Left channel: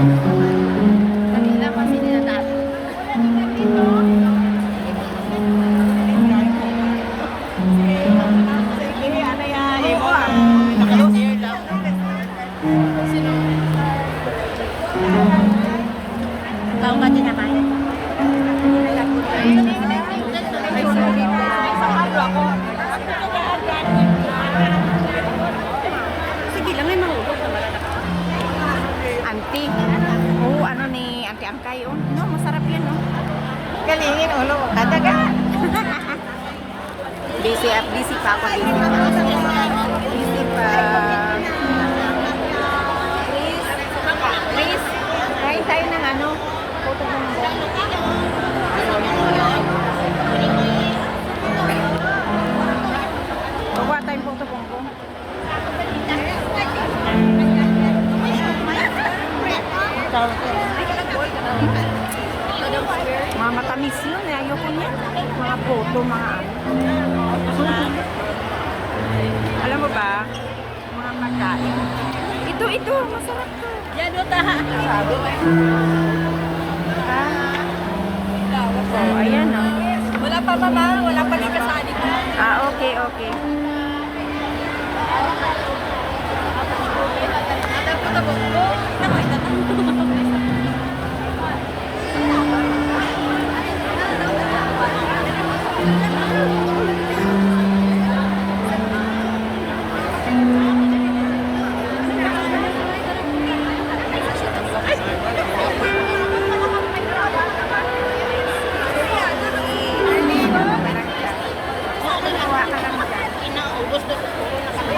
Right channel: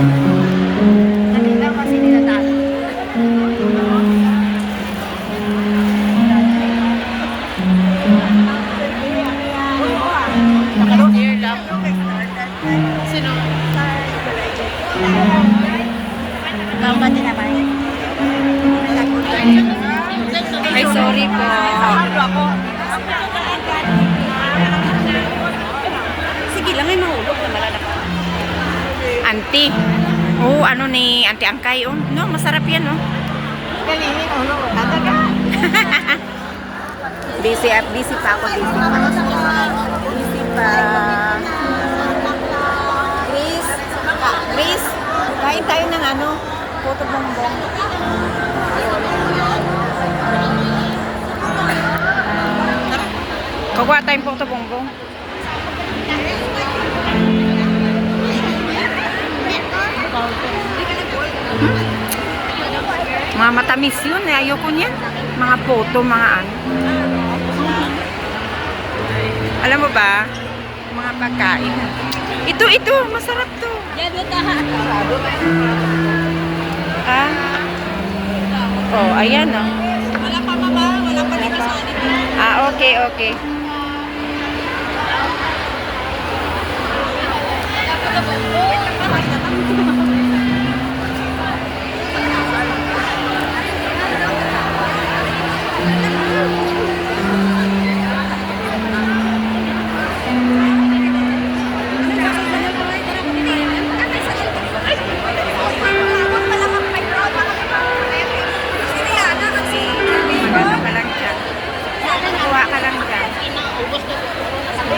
Dali lang kasi nila dati. Naka-share lang. Sino? Tama din naman. Ay, sorry po. Sige lang, ay mahulog na malanak. Auntie. Oh, ano ni Auntie Angkay, oh. No, masarap yan, oh. Galingin, ulo. Kadaga. Busy pa ako, busy pa. Busy pa. Please, kain tayo ng ano, puto ng Kukuha tayong puto bongbong. Mga matamis yun, eh. Ayoko niyan. Mga puto, mga ano. Alam mo ba, mga pagkain. Ito, masarap to. Ah. Oh, ayan, oh. Wala pa mama, wala pa dito sa kanila. Ah, okay. Maganda pa lang dyan. Kuha ka lang dyan. Inaubos na puro na kami.